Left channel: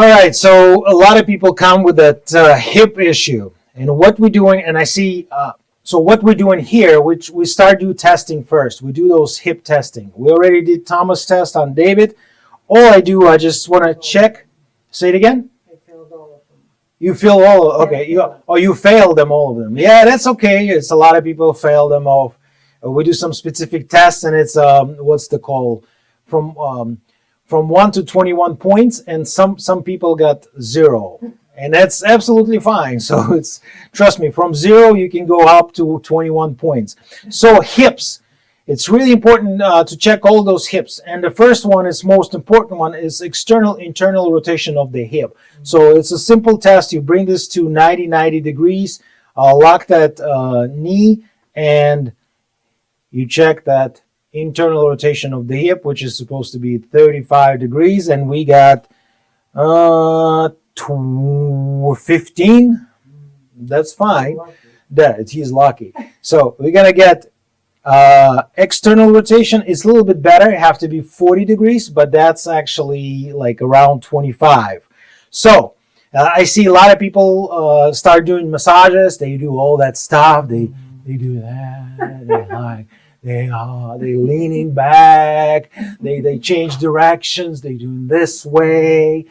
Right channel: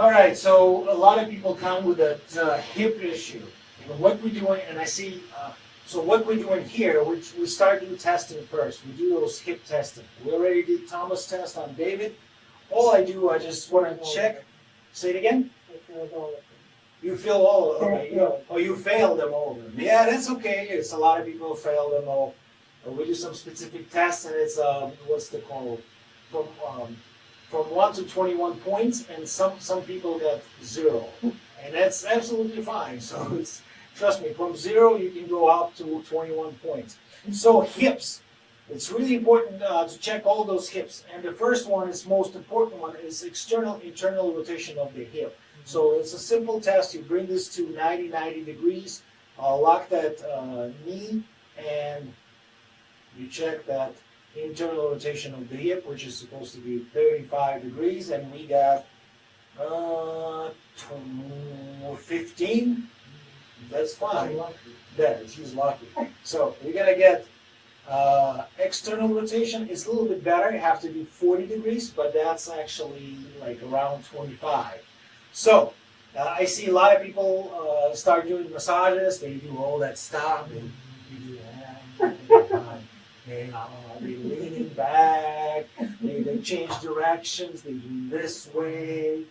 All right, so a lot of people come with that hip issue, and what we're doing, and I see, so what we're doing here, which we start do testing first. We do those hip testing. We already did Thomas test on David. All I do, I just want to check. Say it again. You feel all okay? You failed them, all of them. Yeah, that's okay. It's a lot of people fail them all. We do some specific tests, and it's what's the call from 1 to 21 points, and some people got 0, and that's absolutely fine. So it's, trust me, from 0 you can go up to 21 points. So hips, it's really important to check all those hips, and the first one is most important one is external internal rotation of the hip. So it's a simple test. You bring this to 90 degrees, lock that knee, and you check that internal rotation of the hip, which is supposed to be 35 degrees, and we got 15. That's fine. That he's lucky. So we're gonna get external rotation is a little bit better. It have to be 40 degrees, but that's actually like around 25. So I see a lot of people start doing massages. They do all that stuff. They do that. They leaning back. They change directions. They do this way.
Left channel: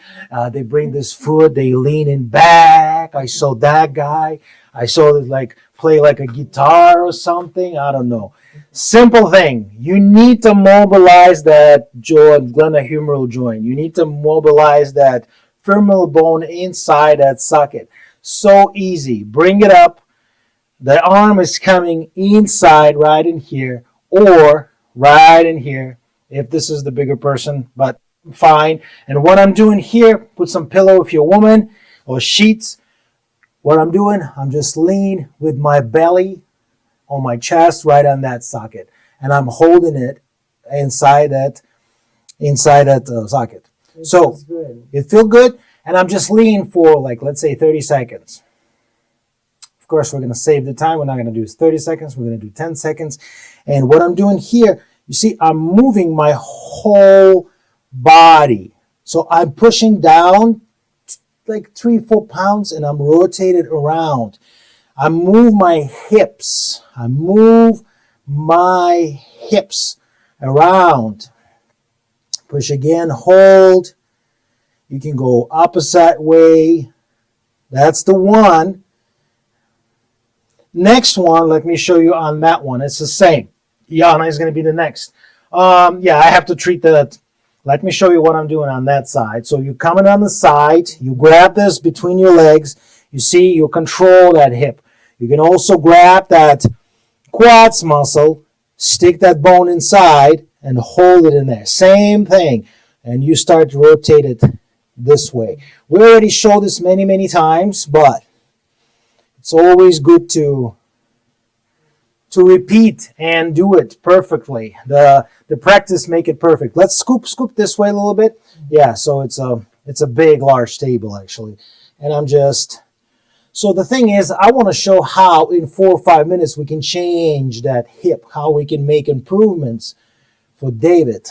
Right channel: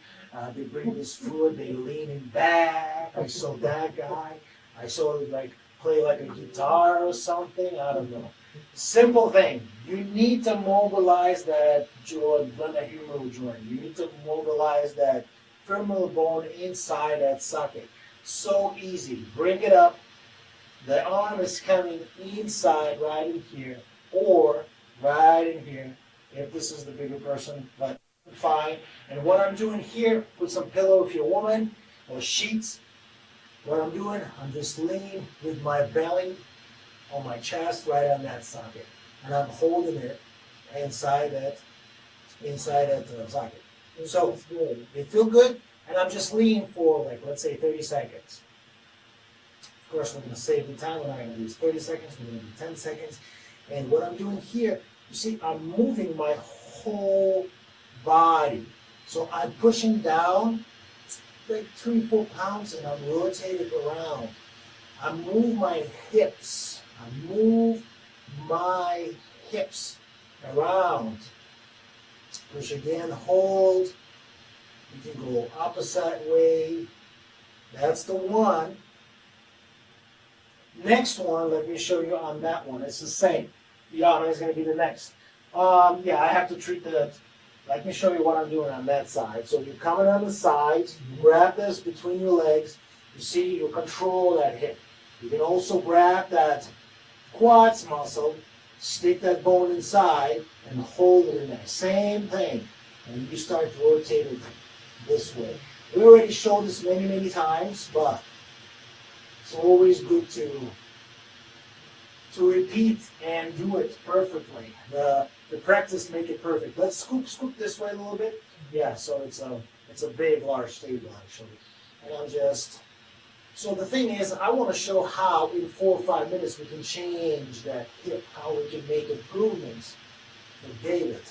They bring this foot. They leaning back. I saw that guy. I saw it like play like a guitar or something. I don't know. Simple thing. You need to mobilize that glenohumeral joint. You need to mobilize that femoral bone inside that socket. So easy. Bring it up. The arm is coming inside right in here or right in here if this is the bigger person, but fine. And what I'm doing here, put some pillow if you're a woman or sheets. What I'm doing, I'm just lean with my belly on my chest right on that socket. And I'm holding it inside that socket. So it feels good, and I'm just leaning for like, let's say 30 seconds. Of course, we're going to save the time. We're not going to do 30 seconds. We're going to do 10 seconds. And what I'm doing here, you see, I'm moving my whole body. So I'm pushing down like 3-4 pounds, and I'm rotated around. I move my hips. Around. Push again, hold. You can go opposite way. That's the one. Next one, let me show you on that one. It's the same. Yana is going to be the next. Yeah, I have to treat that. Let me show you what I'm doing on that side. So you're coming on the side. You grab this between your legs. You see, you control that hip. You can also grab that quads muscle, stick that bone inside, and hold it in there. Same thing. And you start to rotate it this way. We already showed this many times, but it's always good to repeat and do it perfectly. The practice make it perfect. Let's scoop this way a little bit. Yeah, so it's a big, large table actually. And I'm just, so the thing is, I want to show how in 4 or 5 minutes we can change that hip, how we can make improvements for David.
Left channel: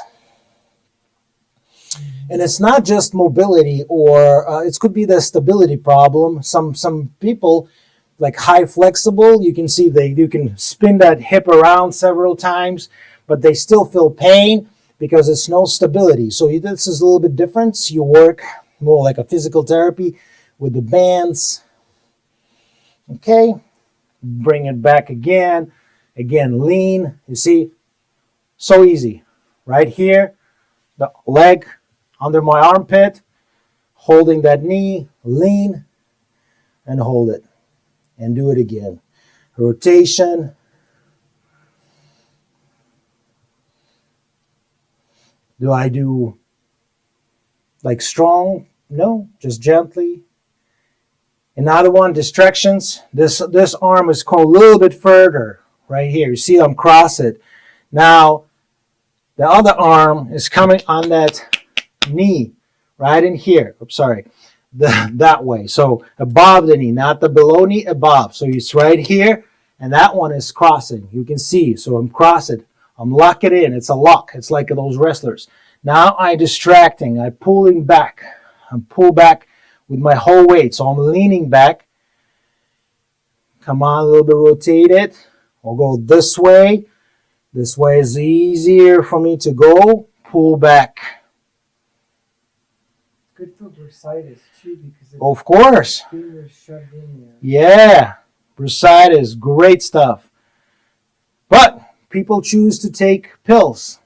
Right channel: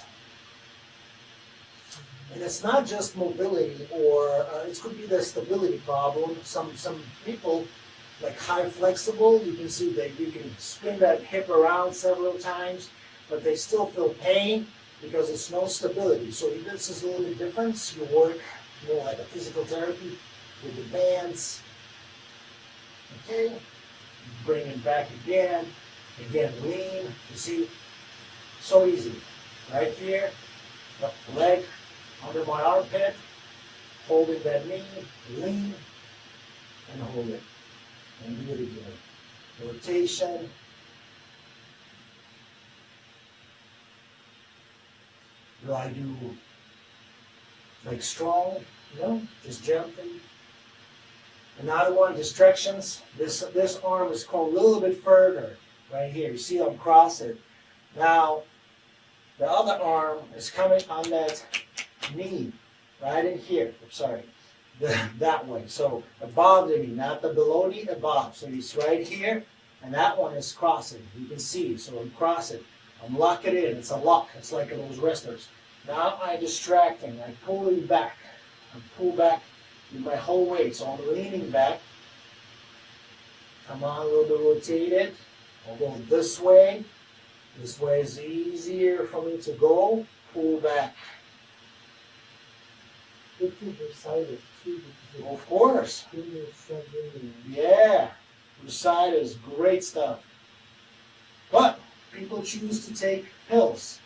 And it's not just mobility, or it could be the stability problem. Some people, like high flexible, you can see you can spin that hip around several times, but they still feel pain because it's no stability. So this is a little bit different. You work more like a physical therapy with the bands. Okay, bring it back again. Again, lean. You see, so easy. Right here, the leg under my armpit, holding that knee, lean, and hold it. And do it again. Rotation. Do I do like strong? No, just gently. Another one, distractions. This arm is called a little bit further right here. You see I'm cross it. Now, the other arm is coming on that knee right in here. Oops, sorry. That way. So above the knee, not the below knee, above. So it's right here, and that one is crossing. You can see. So I'm crossing. I'm locking in. It's a lock. It's like those wrestlers. Now I'm distracting. I'm pulling back. and pull back with my whole weight. So I'm leaning back. Come on, a little bit, rotate it. I'll go this way. This way is easier for me to go. Pull back. Good for bursitis too, because Of course. shoved in there. Yeah, bursitis, great stuff. But people choose to take pills.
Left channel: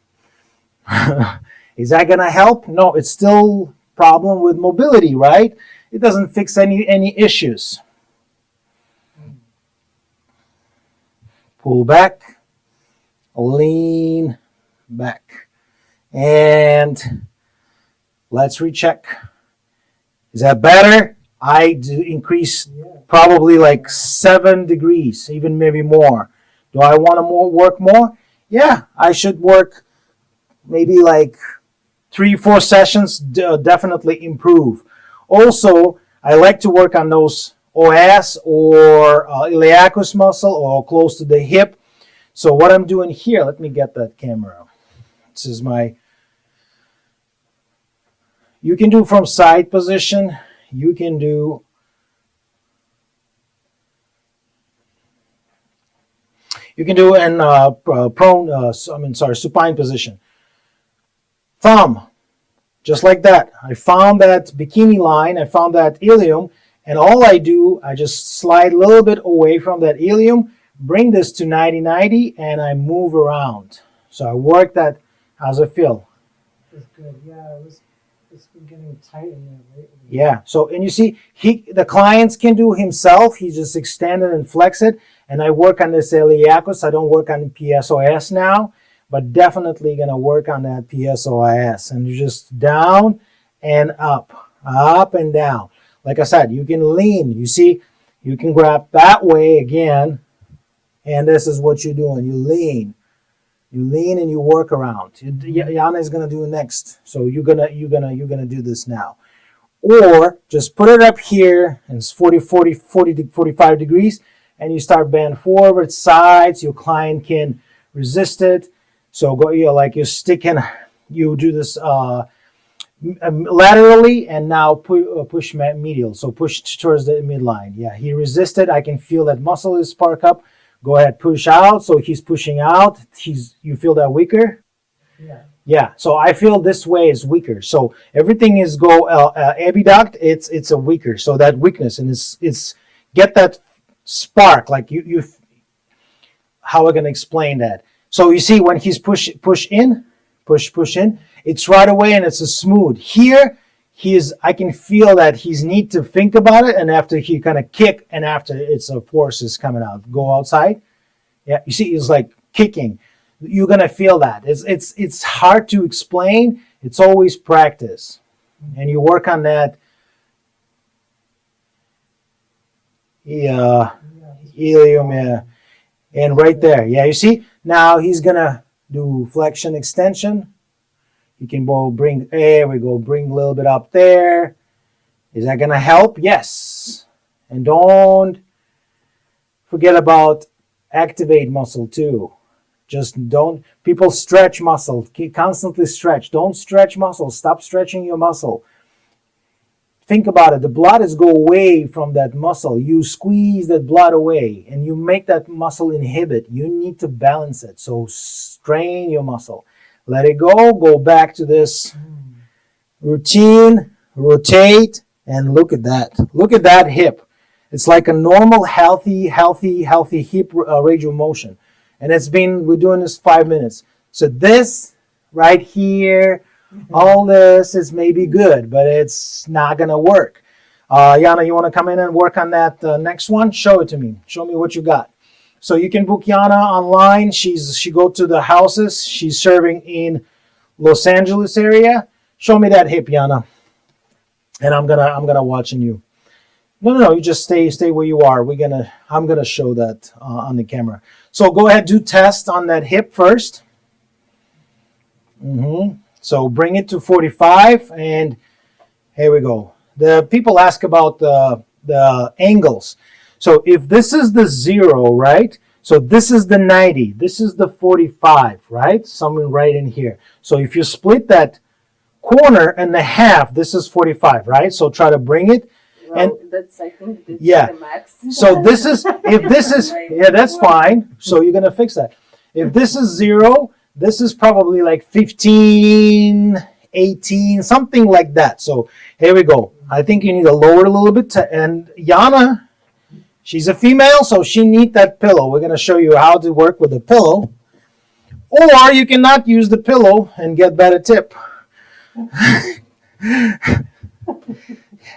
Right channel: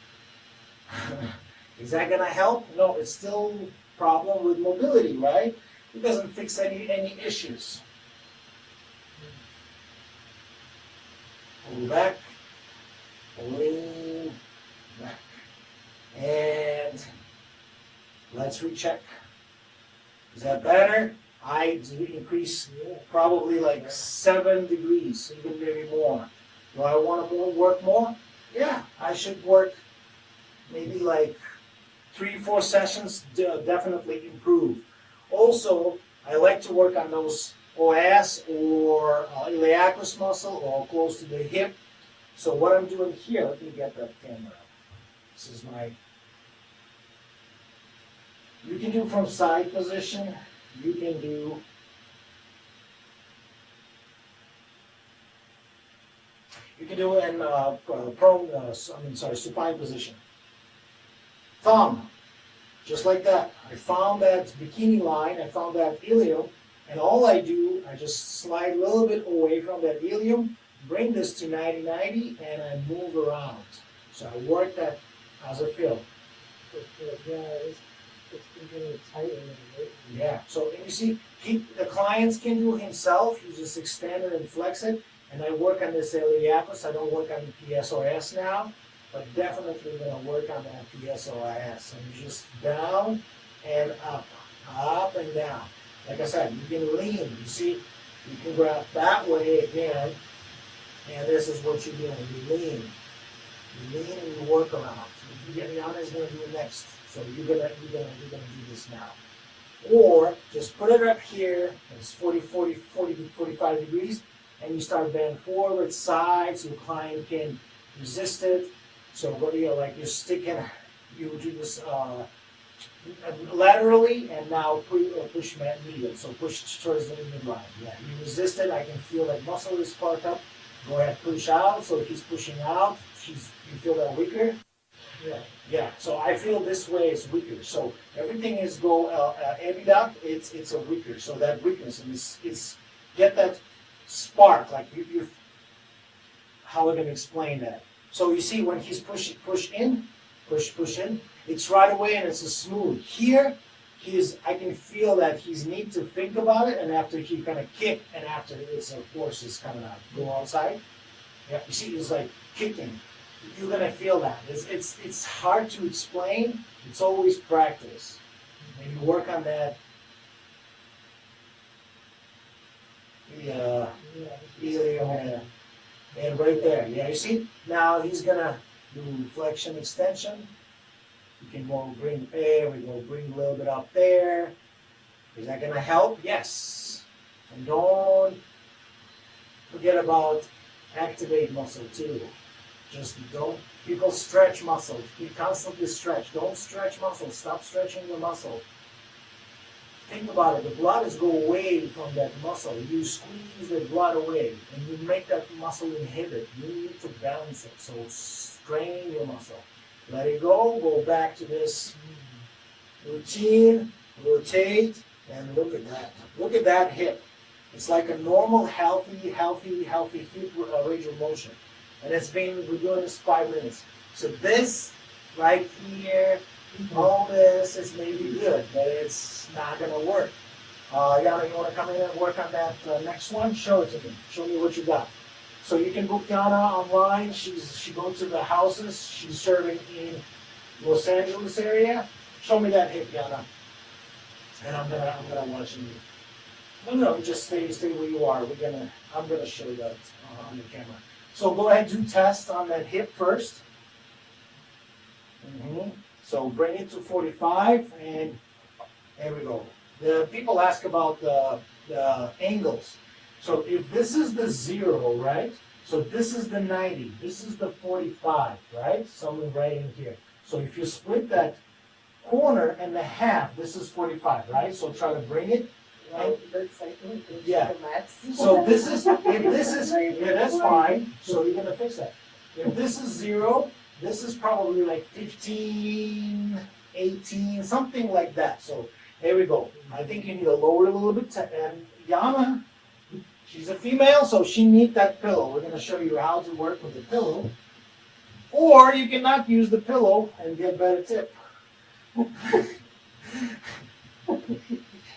Is that gonna help? No, it's still a problem with mobility, right? It doesn't fix any issues. Pull back, lean back, and let's recheck. Is that better? I do increase probably like 7 degrees, even maybe more. Do I want to work more? Yeah, I should work maybe like 3-4 sessions, definitely improve. Also, I like to work on those OS or iliacus muscle or close to the hip. So what I'm doing here, let me get that camera. This is my, you can do from side position, you can do in supine position. Thumb, just like that. I found that bikini line, I found that ilium, and all I do, I just slide a little bit away from that ilium, bring this to 90-90, and I move around. So I work that as I feel. That's good. Yeah, it's been getting tight in there lately. Yeah, so, and you see, the clients can do himself, he just extend it and flex it, and I work on this iliacus. I don't work on the PSOS now, but definitely gonna work on that PSOIS. And you just down and up and down. Like I said, you can lean. You see, you can grab that way again, and this is what you're doing. You lean and you work around. Yana is gonna do it next, so you're gonna do this now. Or just put it up here, and it's 45 degrees, and you start bend forward, sides. Your client can resist it. So go, like you're sticking, you do this laterally, and now push medial. So push towards the midline. Yeah, he resisted. I can feel that muscle is sparked up. Go ahead, push out. So he's pushing out. You feel that weaker? Yeah. Yeah. So I feel this way is weaker. So everything is abduct. It's a weaker. So that weakness, and it's get that spark. Like you. How am I gonna explain that? So you see when he's push in, it's right away and it's a smooth. Here, I can feel that he's need to think about it, and after he kind of kick, and after it's a force is coming out. Go outside. Yeah, you see, it's like kicking. You're gonna feel that. It's hard to explain. It's always practice, and you work on that. Yeah, ilium. Yeah, and right there. Yeah, you see. Now he's gonna do flexion extension. You can there we go, bring a little bit up there. Is that gonna help? Yes. And don't forget about activate muscle too. Just don't, people stretch muscle, constantly stretch. Don't stretch muscle, stop stretching your muscle. Think about it, the blood is go away from that muscle. You squeeze that blood away and you make that muscle inhibit. You need to balance it. So strain your muscle. Let it go back to this routine, rotate, and look at that. Look at that hip. It's like a normal, healthy hip range of motion. And we're doing this 5 minutes. So this right here, all this is maybe good, but it's not gonna work. Yana, you wanna come in and work on that next one? Show it to me. Show me what you got. So you can book Yana online. She go to the houses. She's serving in Los Angeles area. Show me that hip, Yana. And I'm gonna watching you. No, you just stay where you are. I'm gonna show that on the camera. So go ahead, do test on that hip first. So bring it to 45, and here we go. The people ask about the angles. So if this is the 0, right? So this is the 90. This is the 45, right? Something right in here. So if you split that corner and a half. This is 45, right? So try to bring it. Well, that's, I think, that's Yeah. the max. So this is, if this is, yeah, that's fine. So you're going to fix that. If this is 0, this is probably like 15, 18, something like that. So here we go. I think you need to lower it a little bit. And Yana, she's a female, so she needs that pillow. We're going to show you how to work with the pillow. Or you cannot use the pillow and get better tip.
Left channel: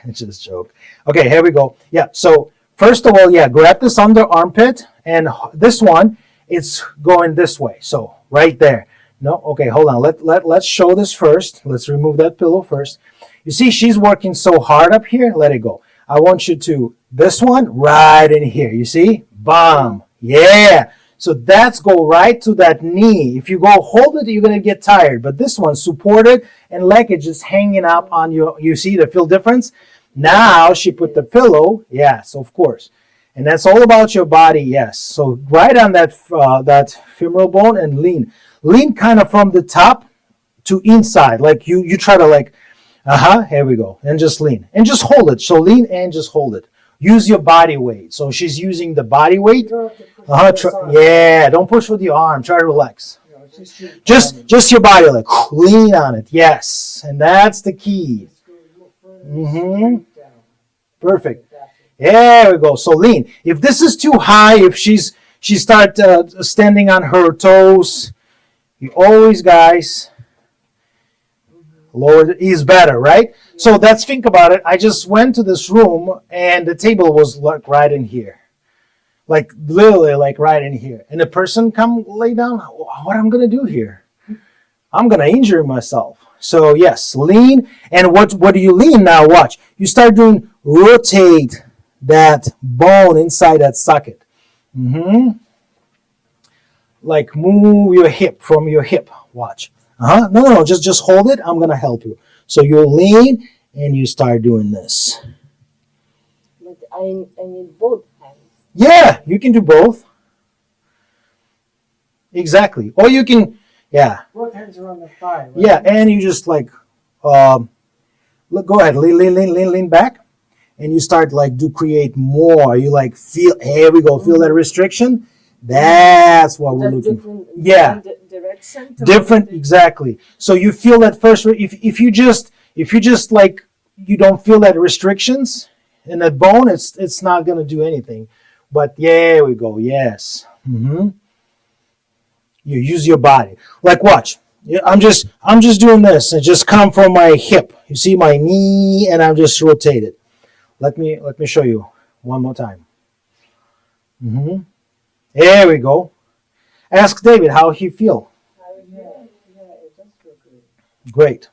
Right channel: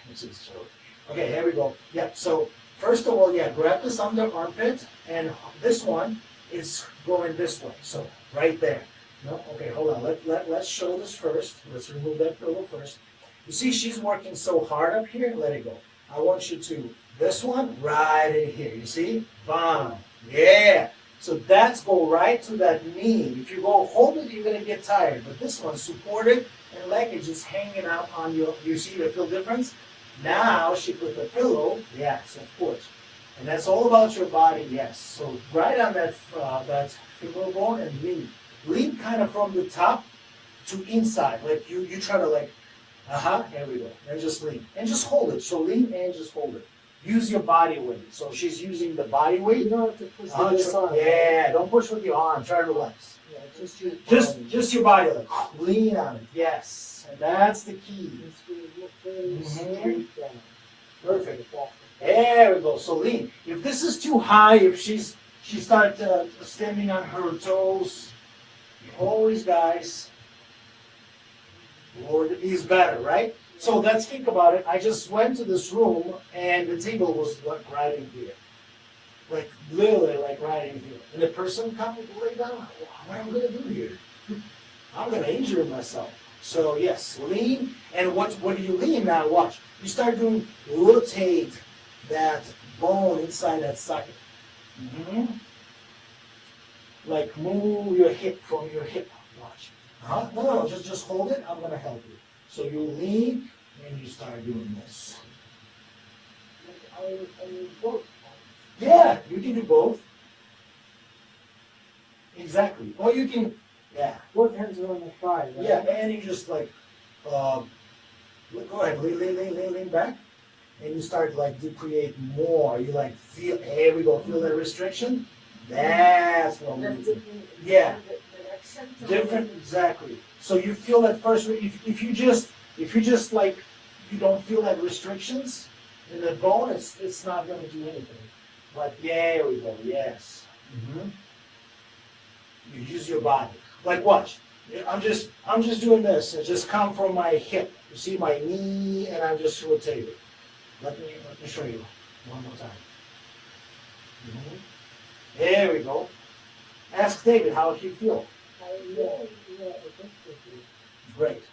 It's just a joke. Okay, here we go. Yeah, so first of all, yeah, grab this under armpit, and this one, it's going this way. So right there. No, okay, hold on. Let's show this first. Let's remove that pillow first. You see, she's working so hard up here. Let it go. I want you to, this one, right in here. You see? Bam. Yeah. So that's go right to that knee. If you go hold it, you're going to get tired. But this one, supported, and leg is just hanging up on your, you see the feel difference? Now she put the pillow, yes, of course. And that's all about your body, yes. So right on that that femoral bone and lean. Lean kind of from the top to inside. Like you try to like, here we go. And just lean. And just hold it. So lean and just hold it. Use your body weight. So she's using the body weight. You don't have to push with this arm. Yeah, don't push with your arm. Try to relax. Yeah, Just your body, like lean on it. Yes. And that's the key. Perfect. There we go. So lean. If this is too high, if she start standing on her toes, you always, guys, lower is better, right? So let's think about it. I just went to this room and the table was like right in here, like literally like right in here. And the person come lay down. What I'm gonna do here? I'm gonna injure myself. So yes, lean. And what do you lean now? Watch. You start doing rotate that bone inside that socket. Like move your hip from your hip. Watch. No, just hold it. I'm gonna help you. So you lean and you start doing this. Like I need both hands. Yeah, you can do both. Exactly. Or you can, yeah. Both hands are on the thigh. Right? Yeah, and you just like, look, go ahead, lean back, and you start like create more. You like feel, here we go, feel that restriction. That's what we're Just looking. different, Yeah. direction. Different, exactly. So you feel that first. If you just like you don't feel that restrictions in that bone, it's not gonna do anything. But yeah, we go. Yes. You use your body. Like watch. I'm just doing this and just come from my hip. You see my knee, and I'm just rotated. Let me show you one more time. There we go. Ask David how he feel. Great.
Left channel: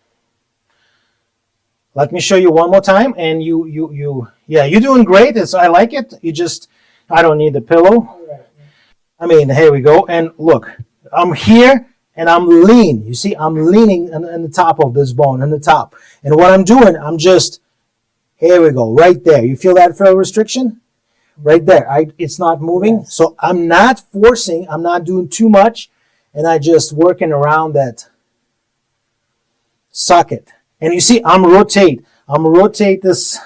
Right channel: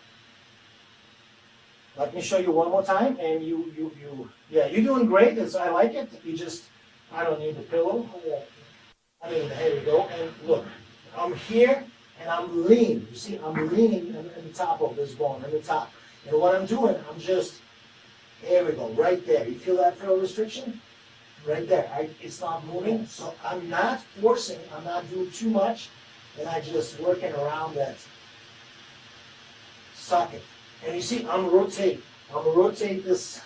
Let me show you one more time, and yeah, you're doing great. I like it. I don't need the pillow. I mean, here we go. And look, I'm here and I'm lean. You see, I'm leaning on the top of this bone, on the top. And what I'm doing, I'm just, here we go, right there. You feel that feel restriction? Right there. It's not moving. Yes. So I'm not forcing, I'm not doing too much, and I just working around that socket. And you see, I'm rotate this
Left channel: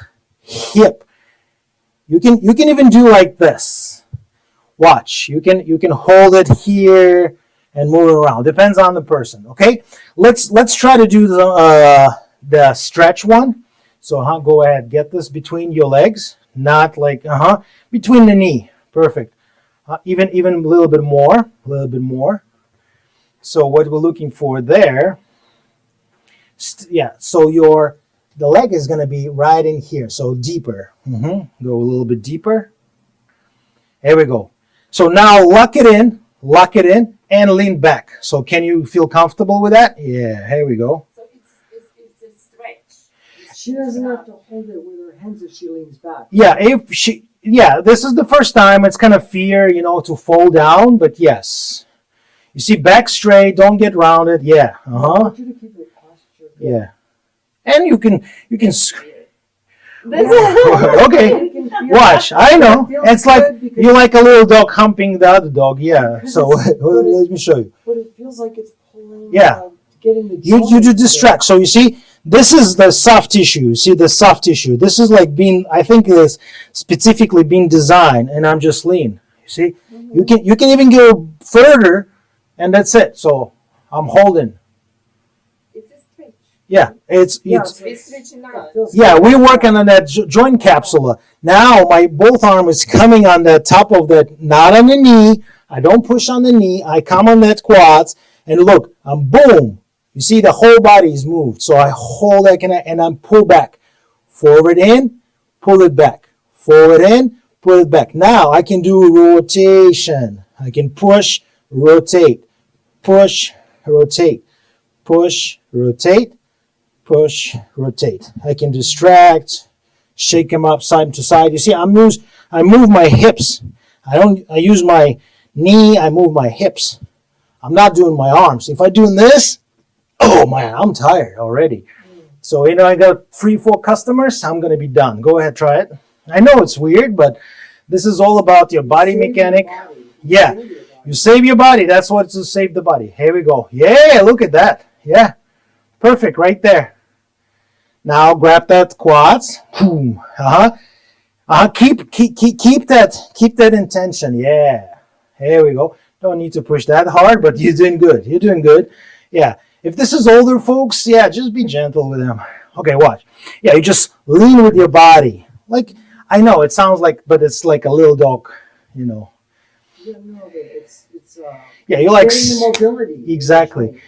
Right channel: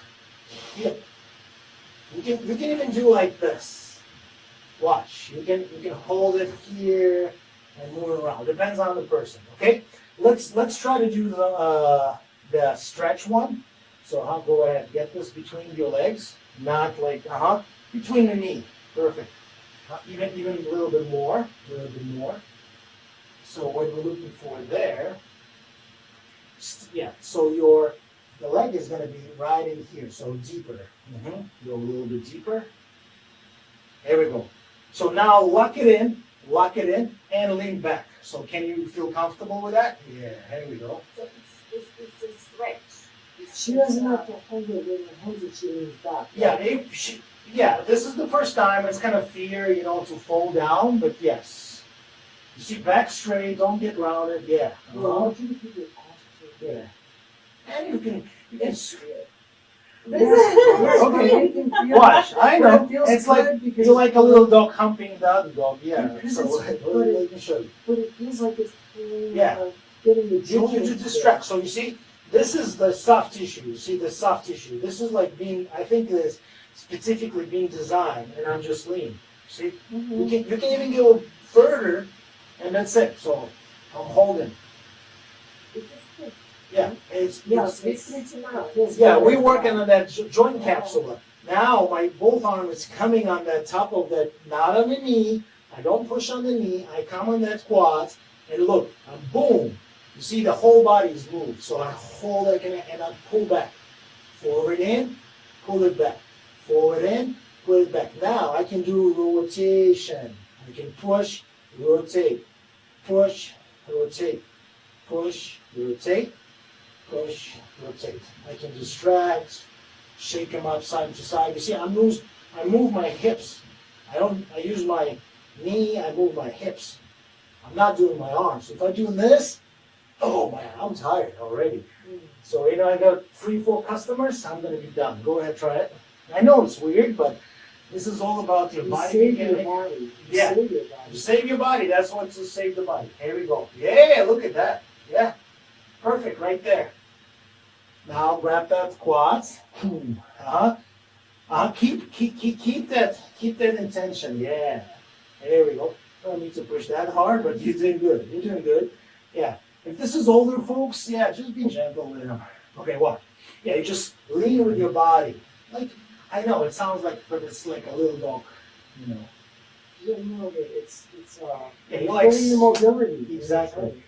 hip. You can even do like this. Watch. You can hold it here and move it around. Depends on the person. Okay. Let's try to do the stretch one. So go ahead. Get this between your legs, not like between the knee. Perfect. Even a little bit more. So what we're looking for there. Yeah. So the leg is going to be right in here. So deeper. Go a little bit deeper. There we go. So now lock it in, and lean back. So can you feel comfortable with that? Yeah, here we go. So it's a stretch. She doesn't have to hold it with her hands if she leans back. Yeah, this is the first time. It's kind of fear, to fall down, but yes. You see, back straight, don't get rounded. Yeah, yeah. And you can. Okay, watch. I know. It's like you like a little dog humping the other dog. Yeah. So let me show you. But it feels like it's pulling Yeah. getting the You joint do distract. So you see, this is the soft tissue. You see the soft tissue. This is like being, I think it's specifically being designed, and I'm just lean. You see, you can even go further, and that's it. So I'm holding. It's a stick. Yeah, it's It's stretching out. yeah. We're working on that joint capsula. Now my both arm is coming on the top of the, not on the knee. I don't push on the knee. I come on that quads, and look, I'm boom. You see the whole body is moved. So I hold that and I'm pull back. Forward in, pull it back. Forward in, pull it back. Now I can do rotation. I can push, rotate, push, rotate, push, rotate, push, rotate. I can distract, shake them up side to side. You see, I move my hips. I use my knee, I move my hips. I'm not doing my arms. If I do this, oh man, I'm tired already. So, I got 3-4 customers, I'm going to be done. Go ahead, try it. I know it's weird, but this is all about your body mechanic. Yeah, you save your body. That's what to save the body. Here we go. Yeah, look at that. Yeah, perfect right there. Now grab that quads. Boom. Keep that intention. Yeah. Here we go. Don't need to push that hard, but you're doing good. You're doing good. Yeah. If this is older folks, yeah, just be gentle with them. Okay, watch. Yeah, you just lean with your body. Like, I know it sounds like, but it's like a little dog, Yeah, no, it's Yeah, you like getting the mobility. exactly.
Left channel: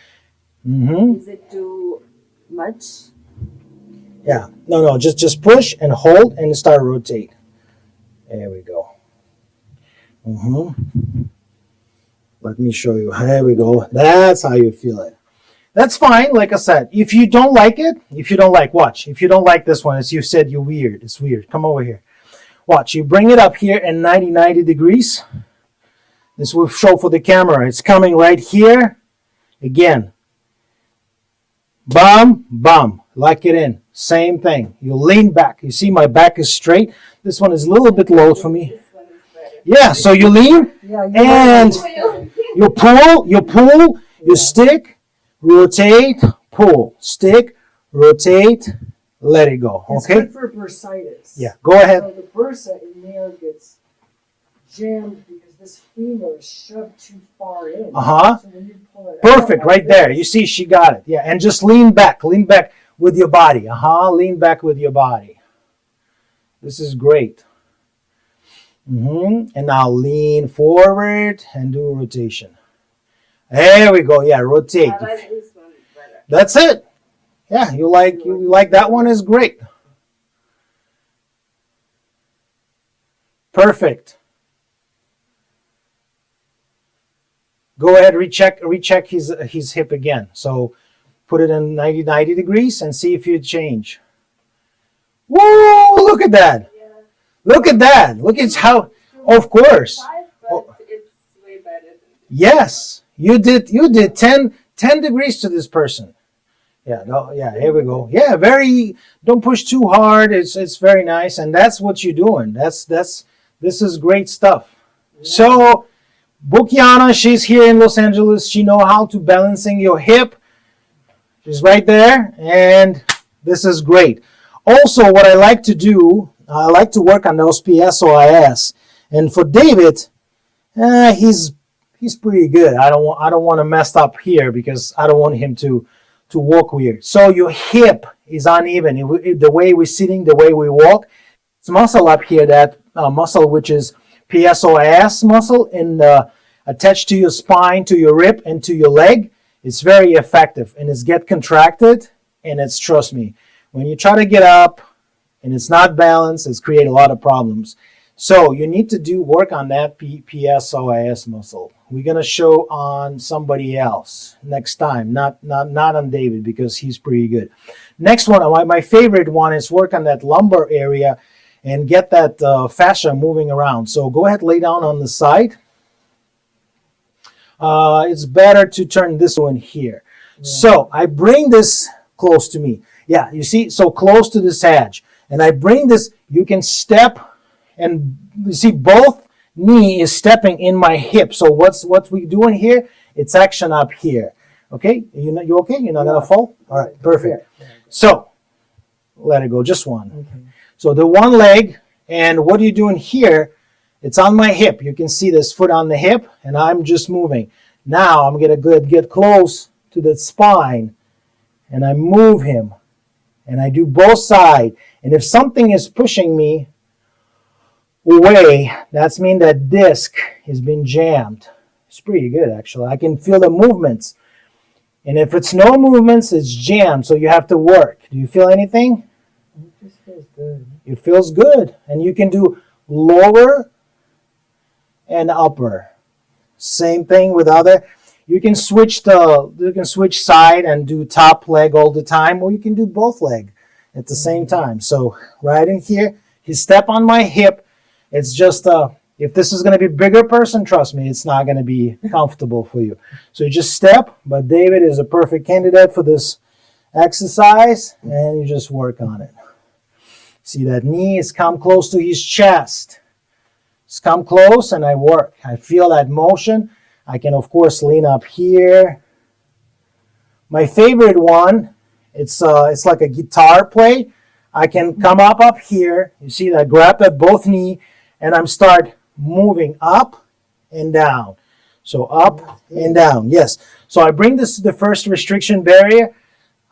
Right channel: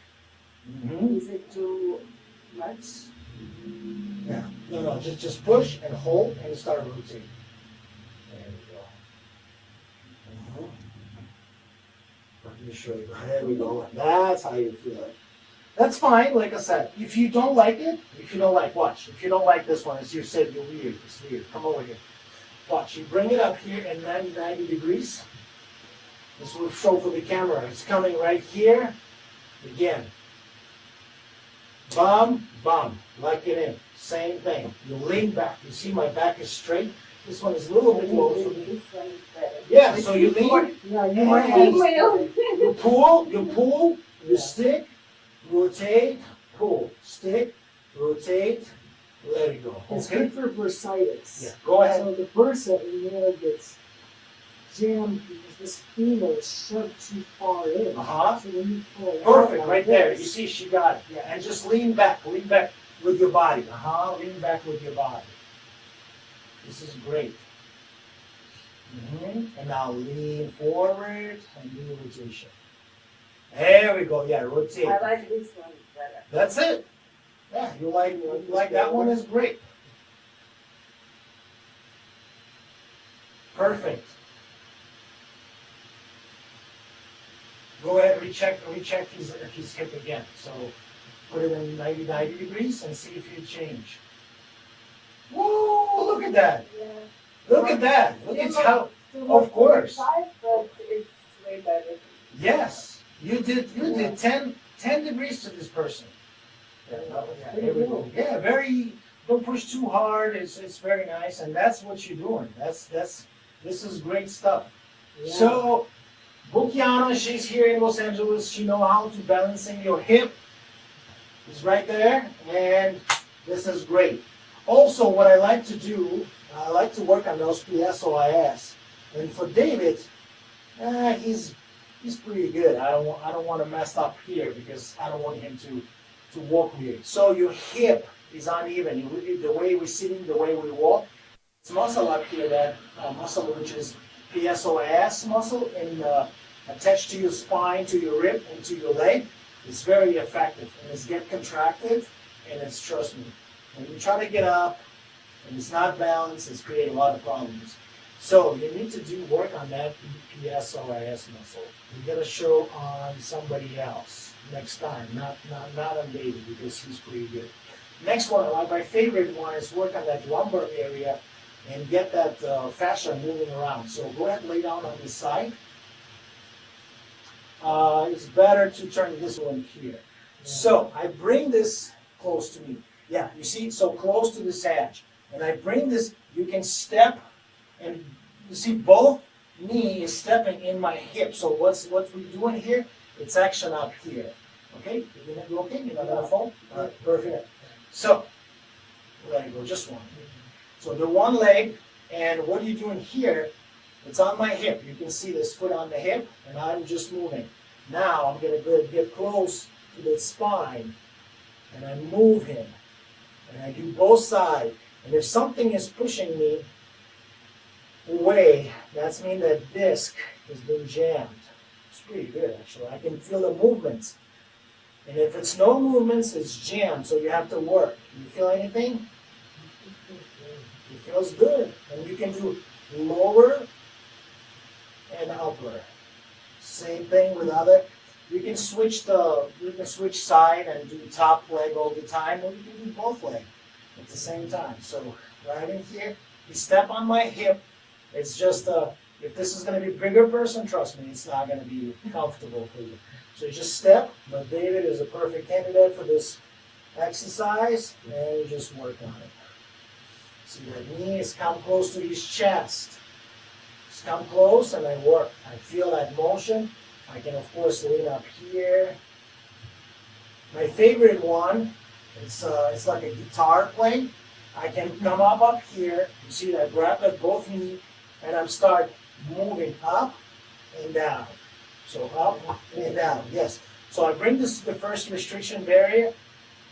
Is it too much? Yeah. No. Just push and hold and start rotate. There we go. Let me show you. There we go. That's how you feel it. That's fine. Like I said, if you don't like it, watch. If you don't like this one, as you said, you're weird. It's weird. Come over here. Watch. You bring it up here in 90 degrees. This will show for the camera. It's coming right here. Again. Bum, bum. Lock it in. Same thing. You lean back. You see my back is straight. This one is a little bit low for me. This one is better. Yeah, so you lean and you pull, you stick, rotate, pull, stick, rotate, let it go. It's Okay? good for bursitis. Yeah, go ahead. So the bursa in there gets jammed because this femur is shoved too far in. Uh-huh. So when you pull it Perfect, out right like there. this, You see, she got it. Yeah, and just lean back with your body. Lean back with your body. This is great. And now lean forward and do a rotation. There we go. Yeah, rotate. I like this one better. That's it. Yeah, you like that one is great. Perfect. Go ahead, recheck his hip again. So put it in 90 degrees and see if you change. Woo! Look at that. Yeah. Look at that. Look at how. Of course. But it's way better. Yes, you did 10 degrees to this person. Yeah, no, yeah, here we go. Yeah, don't push too hard. It's very nice, and that's what you're doing. This is great stuff. So Bukiana, she's here in Los Angeles. She know how to balancing your hip. She's right there, and this is great. Also, what I like to do, I like to work on those PSOIS. And for David, he's pretty good. I don't want to mess up here because I don't want him to walk weird. So your hip is uneven. The way we're sitting, the way we walk. It's muscle up here, that muscle which is PSOIS muscle attached to your spine, to your rib, and to your leg. It's very effective, and it's get contracted, and it's, trust me, when you try to get up and it's not balanced, it's create a lot of problems. So you need to work on that PSOIS muscle. We're gonna show on somebody else next time, not on David because he's pretty good. Next one, my favorite one is work on that lumbar area and get that fascia moving around. So go ahead, lay down on the side. It's better to turn this one here. Yeah. So I bring this close to me. Yeah, you see, so close to this edge. And I bring this, you can step, and you see both knee is stepping in my hip. So what's we doing here? It's action up here. Okay, you okay? You're not gonna fall? All right, perfect. Yeah. So let it go, just one. Okay. So the one leg, and what are you doing here? It's on my hip. You can see this foot on the hip, and I'm just moving. Now I'm gonna get close to the spine, and I move him, and I do both sides. And if something is pushing me away, that's mean that disc has been jammed. It's pretty good actually. I can feel the movements. And if it's no movements, it's jammed, so you have to work. Do you feel anything? This feels good. It feels good. And you can do lower and upper. Same thing with other. You can switch side and do top leg all the time, or you can do both leg at the same time. So right in here, you step on my hip. It's just if this is going to be a bigger person, trust me, it's not going to be comfortable for you. So you just step, but David is a perfect candidate for this exercise, and you just work on it. See that knee is come close to his chest. It's come close, and I work. I feel that motion. I can, of course, lean up here. My favorite one, it's like a guitar play. I can come up here. You see that? Grab at both knee, and I'm start moving up and down. So up and down. Yes. So I bring this to the first restriction barrier.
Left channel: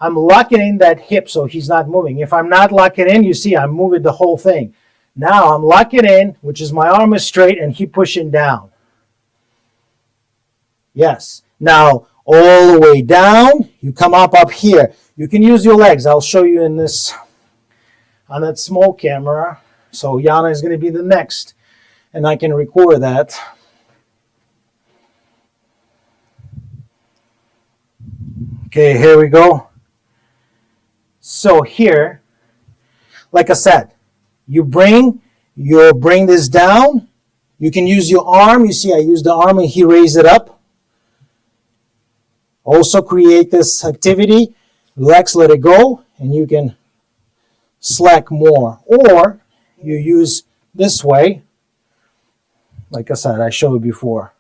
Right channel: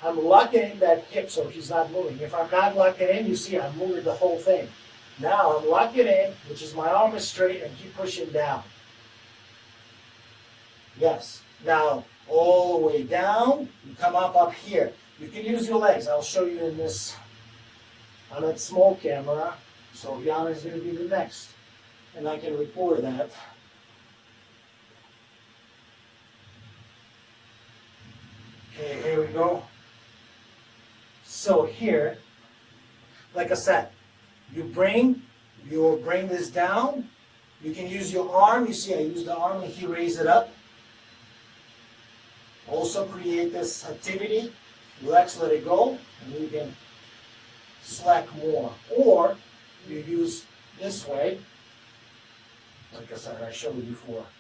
I'm locking in that hip so he's not moving. If I'm not locking in, you see I'm moving the whole thing. Now I'm locking in, which is my arm is straight, and keep pushing down. Yes. Now all the way down, you come up here. You can use your legs. I'll show you in this on that small camera. So Yana is going to be the next, and I can record that. Okay, here we go. So here, like I said, you bring this down. You can use your arm. You see I use the arm and he raised it up. Also create this activity. Relax, let it go, and you can slack more. Or you use this way. Like I said, I showed before.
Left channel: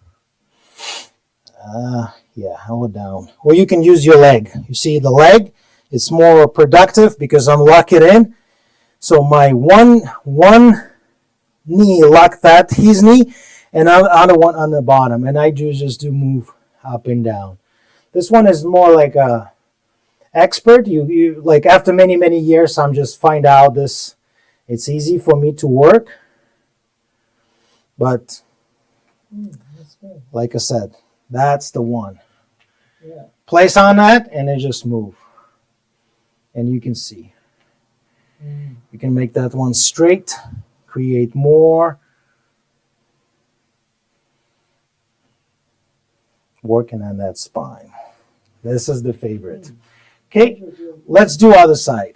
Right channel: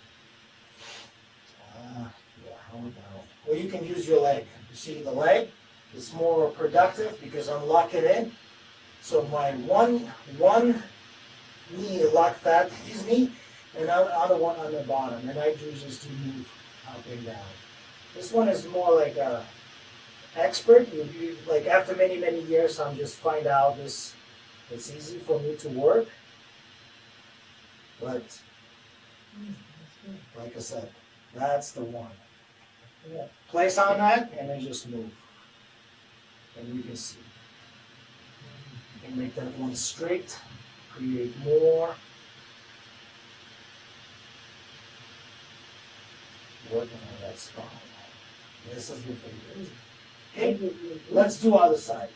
Yeah, hold it down. Or you can use your leg. You see the leg? It's more productive because I'm locking in. So my one knee lock that his knee, and other one on the bottom, and I just do move up and down. This one is more like a expert. You like after many years, I'm just find out this. It's easy for me to work, but That's good. like I said, that's the one. Yeah. Place on that, and then just move, and you can see. You can make that one straight, create more. Working on that spine. This is the favorite. Okay, let's do other side.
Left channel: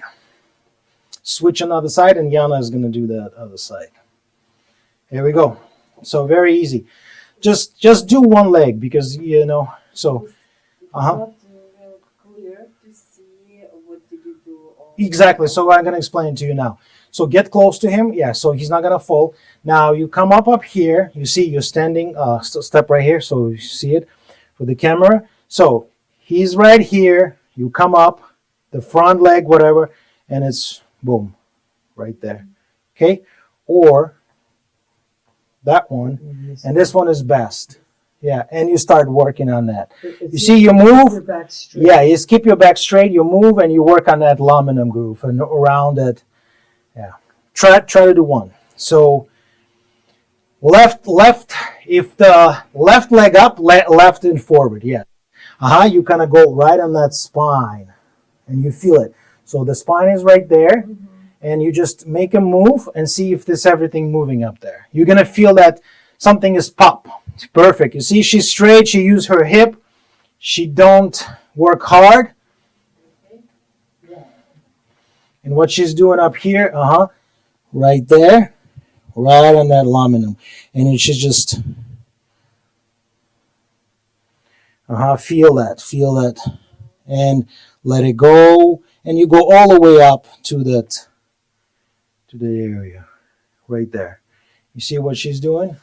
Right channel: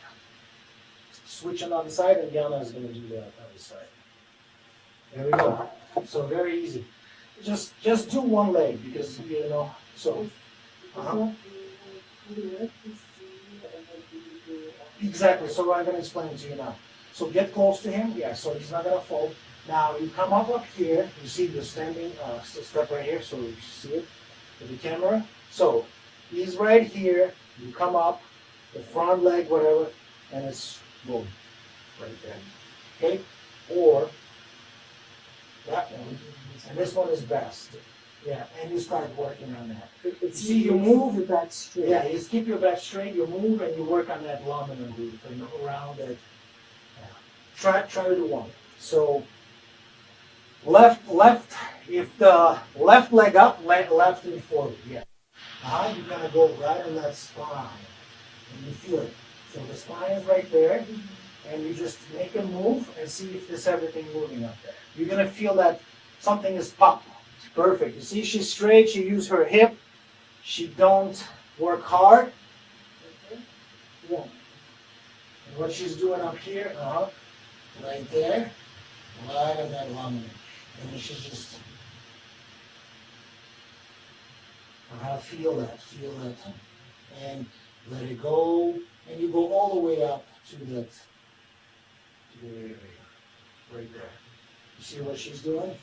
Switch another side, and Yana is going to do that other side. Here we go. So very easy. Just do one leg because you know. So, exactly. So I'm going to explain it to you now. So get close to him. Yeah. So he's not going to fall. Now you come up here. You see you're standing. Step right here. So you see it with the camera. So he's right here. You come up, the front leg, whatever, and it's boom, right there. Okay. Or that one, and this one is best. Yeah, and you start working on that. You see, you move. Your back straight. Yeah, you just keep your back straight. You move and you work on that laminum groove and around it. Yeah, try to do one. So left. If the left leg up, left and forward. Yeah. You kind of go right on that spine, and you feel it. So the spine is right there, and you just make a move and see if there's everything moving up there. You're gonna feel that something is pop. It's perfect. You see, she's straight. She use her hip. She don't work hard. Yeah. And what she's doing up here, right there, right on that laminum, and it should just, feel that, and let it go, and you go all the way up to the area, right there. You see what she's doing?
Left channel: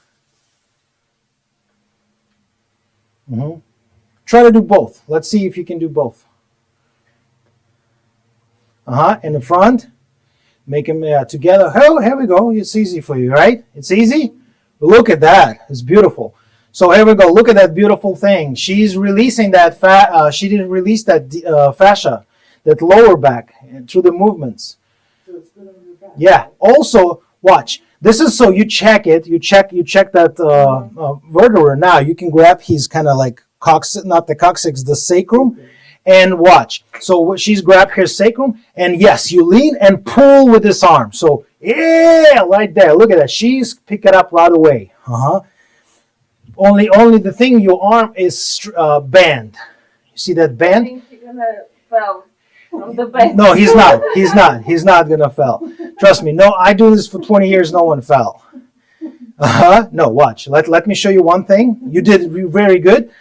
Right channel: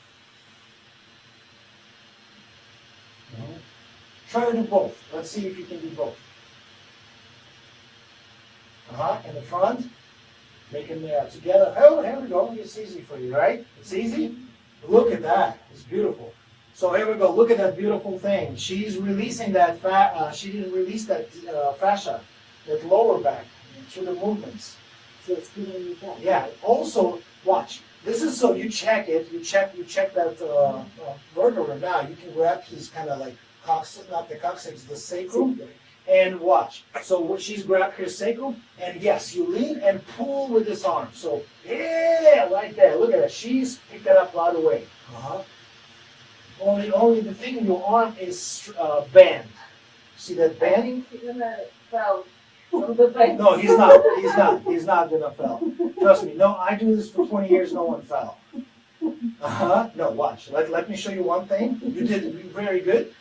Try to do both. Let's see if you can do both. In the front. Make them together. Oh, here we go. It's easy for you, right? It's easy. Look at that. It's beautiful. So here we go. Look at that beautiful thing. She's releasing that fat. She didn't release that fascia, that lower back through the movements. So it's good on your back. Yeah. Also, watch. This is so you check it. You check that vertebra. Now you can grab his kind of like not the coccyx, the sacrum. And watch. So she's grabbed her sacrum, and yes, you lean and pull with this arm. So yeah, right there. Look at that. She's picked it up right away. Only the thing, your arm is bent. See that I bend? think he's gonna fall on the bed. No, he's not. He's not gonna fall. Trust me. No, I do this for 20 years. No one fell. No, watch. Let me show you one thing. You did very good.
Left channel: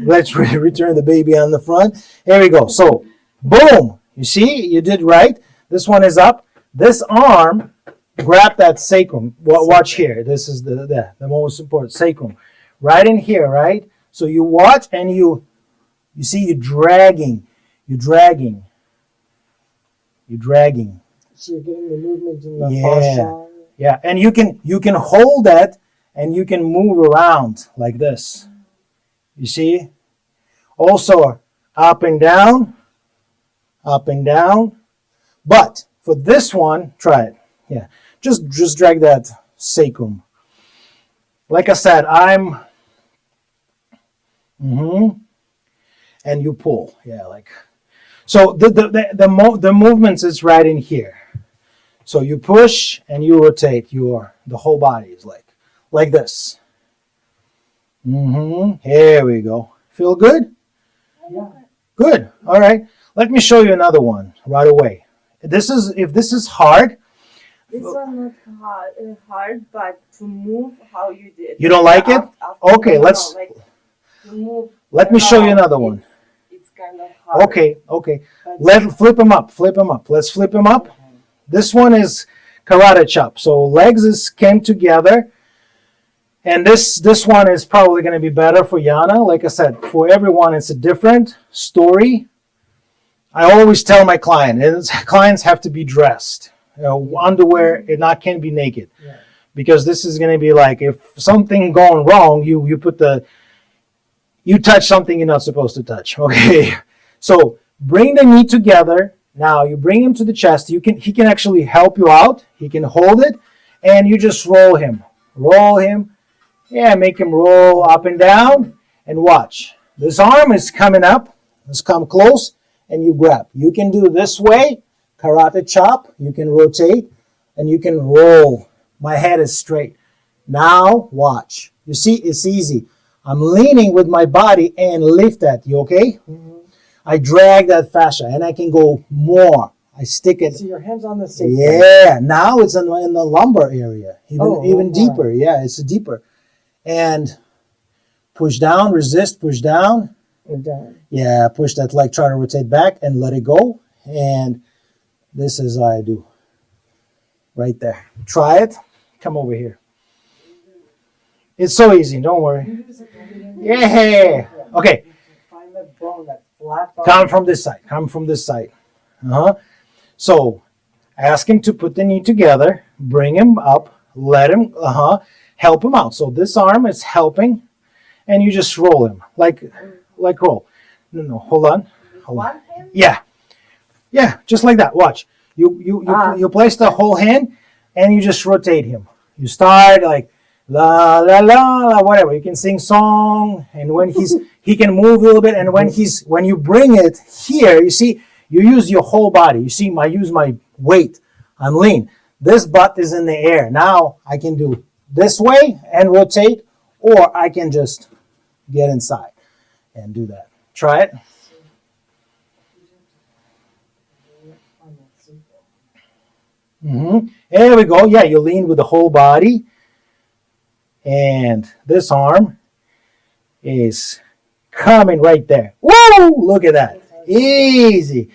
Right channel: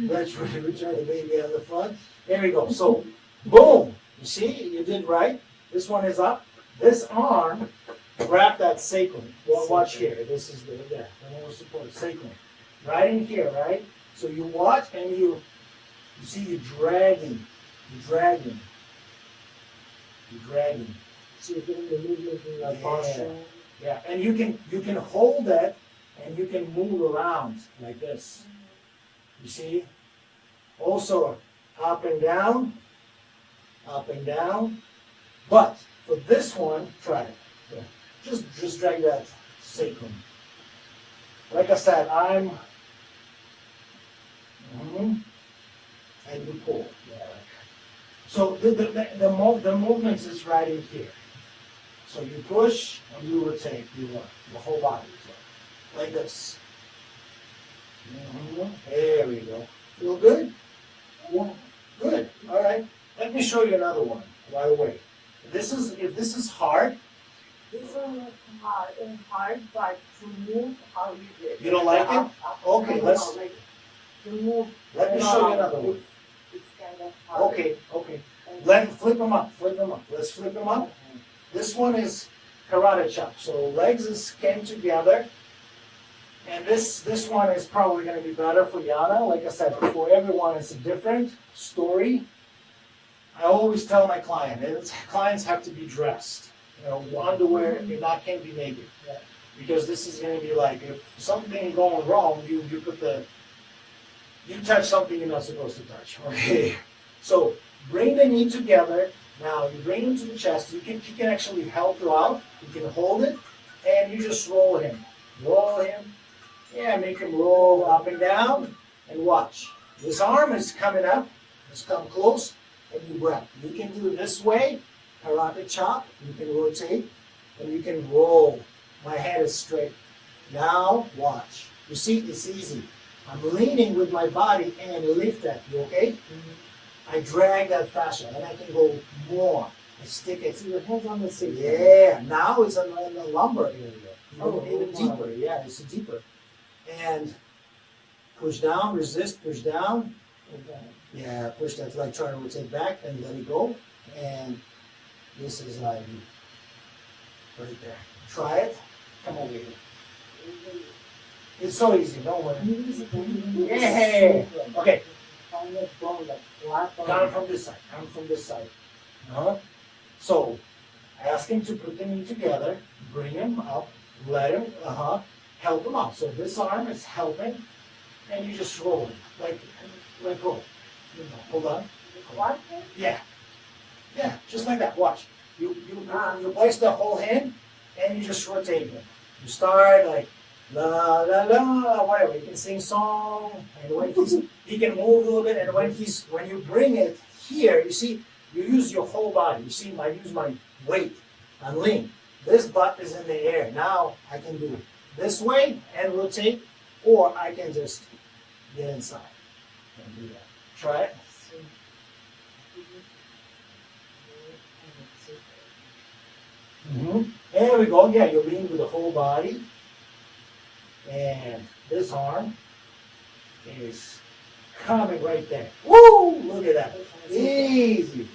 Let's return the baby on the front. Here we go. So, boom. You see, you did right. This one is up. This arm, grab that sacrum. Watch here. This is the most support sacrum. Right in here, right? So you watch and you see you're dragging. You're dragging. So you're getting the movement in the Yeah. fascia. Yeah, and you can hold that and you can move around like this. You see? Also up and down, up and down. But for this one, try it. Yeah, just drag that sacrum. Like I said, and you pull. Yeah, like so. The movements is right in here. So you push and you rotate. The whole body is like this. Here we go. Feel good? Yeah. Good. All right. Let me show you another one right away. If this is hard, This one not hard, but to move how you did. You don't like it? Okay, No, let's- like, to move let me show you around, another one. It's kind of hard. Okay. Flip them up. Let's flip them up. This one is karate chop. So legs came together. And this one is probably going to be better for Yana. Like I said, for everyone, it's a different story. I always tell my clients have to be dressed. Underwear, can't be naked. Yeah. Because this is going to be like, if something going wrong, you touch something you're not supposed to touch. Okay. So bring the knee together. Now you bring him to the chest. He can actually help you out. He can hold it, and you just roll him. Yeah, make him roll up and down, and watch. This arm is coming up. Let's come close, and you grab. You can do this way, karate chop. You can rotate, and you can roll. My head is straight. Now watch. You see, it's easy. I'm leaning with my body and lift that. You okay? I drag that fascia, and I can go more. I stick it. So your hands on the sacrum. Yeah, now it's in the lumbar area, even wow. deeper. Yeah, it's deeper. And push down, resist, push down. We're done. Yeah, push that leg, try to rotate back and let it go. And this is how I do. Right there. Try it. Come over here. It's so easy, don't worry. Yeah. Okay, Find that bone, that flat bone. come from this side. So ask him to put the knee together, bring him up, let him, help him out. So this arm is helping, and you just roll him, like roll. No, hold on. One hand? Yeah, just like that. Watch. You place the whole hand, and you just rotate him. You start like la la la la, whatever. You can sing song, and when he can move a little bit, and when you bring it here, you see, you use your whole body. You see, I use my weight. I'm lean. This butt is in the air. Now I can do this way and rotate, or I can just get inside and do that. Try it. There we go. Yeah, you lean with the whole body. And this arm is coming right there. Woo! Look at that. Easy.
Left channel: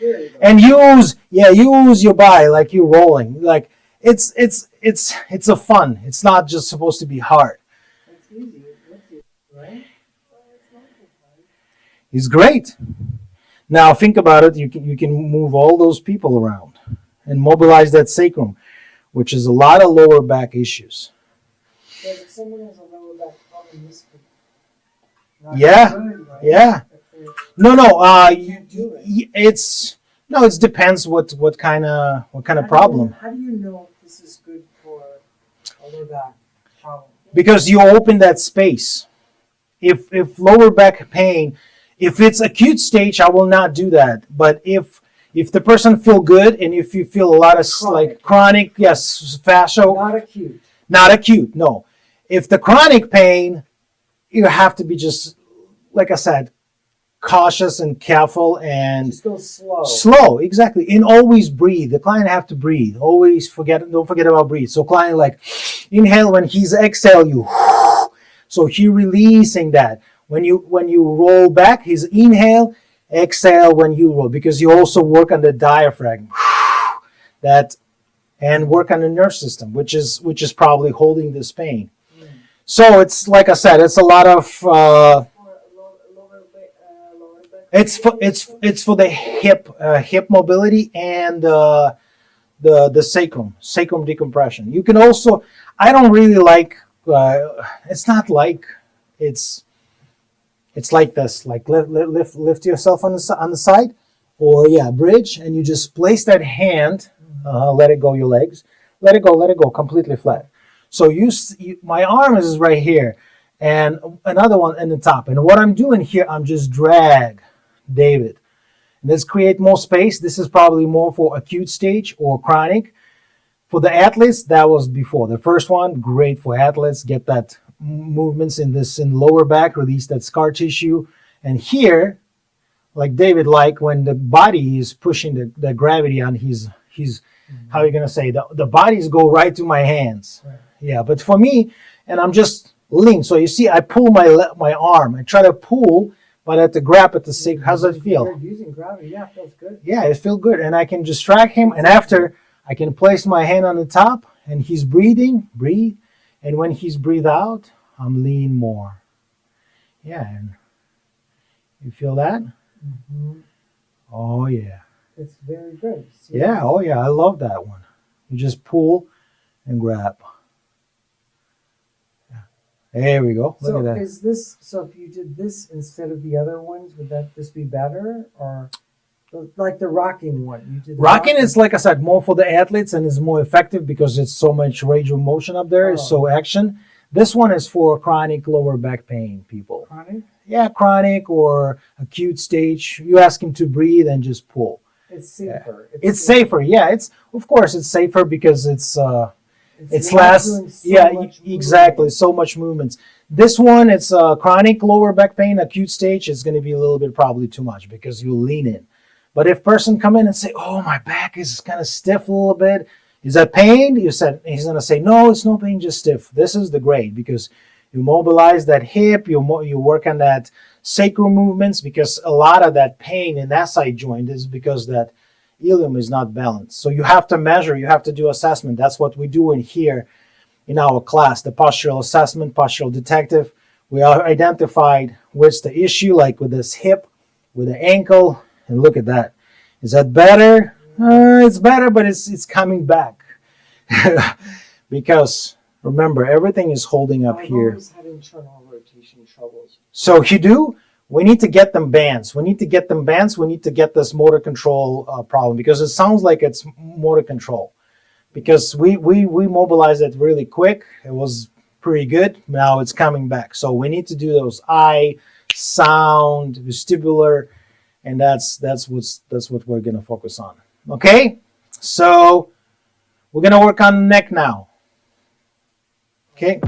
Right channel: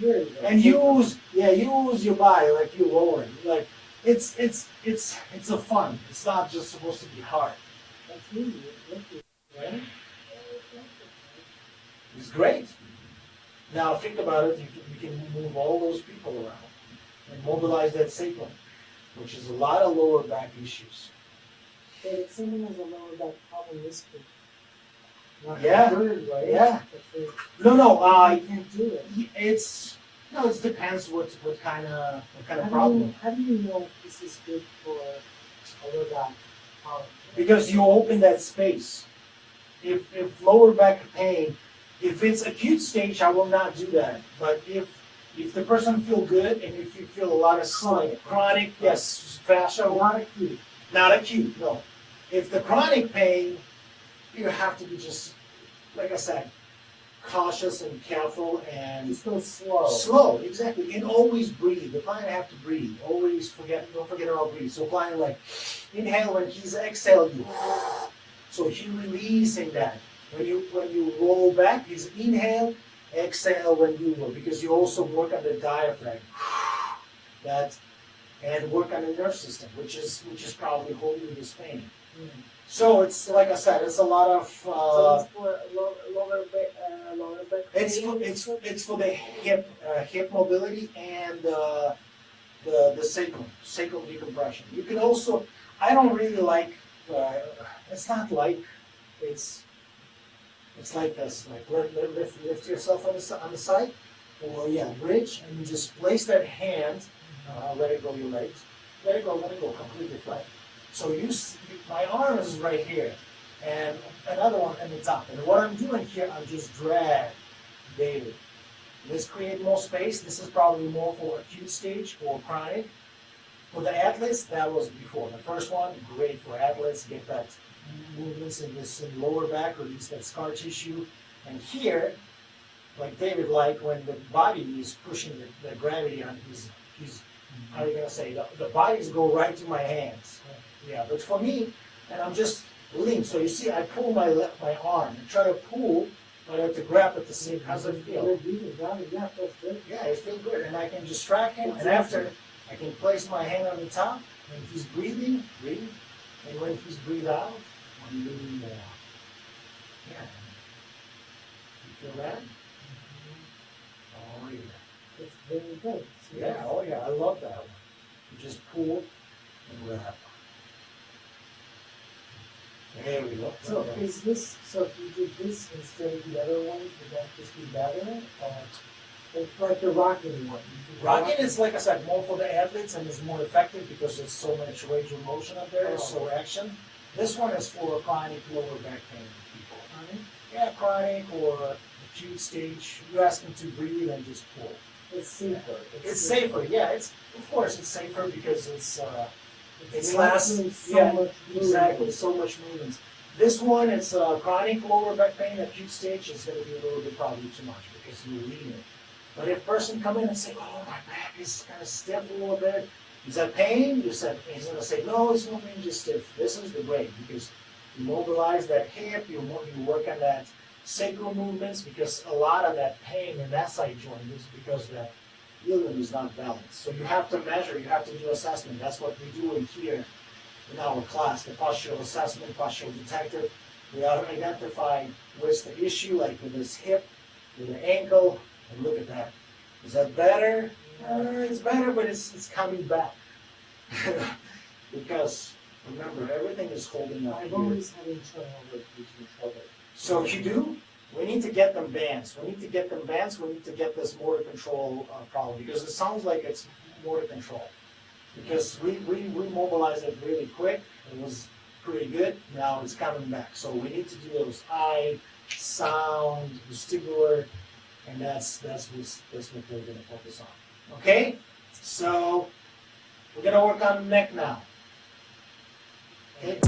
And use your body like you're rolling. Like it's a fun. It's not just supposed to be hard. That's easy. Right? It's great. Now think about it. You can move all those people around and mobilize that sacrum, which is a lot of lower back issues. But if someone has a lower back problem, this could not Yeah, be good, right? yeah. If No, they can't do it. it's no. It depends what kind of problem. How do you know this is good for a lower back problem? Because you open that space. If lower back pain, if it's acute stage, I will not do that. But if the person feel good and if you feel a lot of like chronic, yes, fascia, Not acute. not acute, no. If the chronic pain, you have to be just like I said, cautious and careful and Just go slow. slow, exactly, and always breathe. The client have to breathe. Don't forget about breathe. So client like inhale when he's exhale, you. So he releasing that. When you roll back, he's inhale, exhale when you roll, because you also work on the diaphragm. That and work on the nerve system, which is probably holding this pain. Mm. So it's like I said, it's a lot of. For lower back It's for pain. it's for the hip mobility and the sacrum decompression. You can also, I don't really like, it's not like, it's like this, like lift yourself on the side, or yeah, bridge, and you just place that hand, let it go your legs, let it go completely flat. So my arm is right here, and another one in the top. And what I'm doing here, I'm just drag, David. Let's create more space. This is probably more for acute stage or chronic. For the athletes, that was before. The first one, great for athletes. Get that movements in lower back, release that scar tissue. And here, like David, like when the body is pushing the gravity on his how are you gonna say, the bodies go right to my hands. Yeah, but for me, and I'm just lean. So you see, I pull my arm. I try to pull, but I have to grab at the same. How's that feel? Using gravity, yeah, feels good. Yeah, it feels good, and I can distract him. And after, I can place my hand on the top, and he's breathing, breathe, and when he's breathe out, I'm leaning more. Yeah, and you feel that? Mm-hmm. Oh yeah. It's very good. See, Yeah, oh yeah, I love that one. You just pull and grab. There we go. Look So at that. is this, so if you did this instead of the other ones, would that just be better? Or like the rocking one? You did the Rocking is, like I said, more for the athletes and is more effective because it's so much range of motion up there. It's Oh. so action. This one is for chronic lower back pain people. Rocking? Yeah, chronic or acute stage. You ask him to breathe and just pull. It's safer. It's safer. Yeah, it's of course it's safer because it's not less. doing so Yeah, much exactly. movement. So much movements. This one, it's chronic lower back pain, acute stage. It's going to be a little bit probably too much because you lean in. But if person come in and say, "Oh, my back is kind of stiff a little bit," is that pain? He's going to say, "No, it's no pain, just stiff." This is the great because you mobilize that hip, you work on that sacral movements, because a lot of that pain in that side joint is because that ilium is not balanced. So you have to measure, you have to do assessment. That's what we do in here in our class, the postural assessment, postural detective. We are identified what's the issue, like with this hip, with the ankle, and look at that. Is that better? It's better, but it's coming back. Because remember, everything is holding up I'm here. always having internal rotation troubles. So we need to get them bands. We need to get them bands. We need to get this motor control problem, because it sounds like it's motor control. Because we mobilized it really quick. It was pretty good. Now it's coming back. So we need to do those eye, sound, vestibular, and that's what we're gonna focus on. Okay? So we're gonna work on neck now. Okay?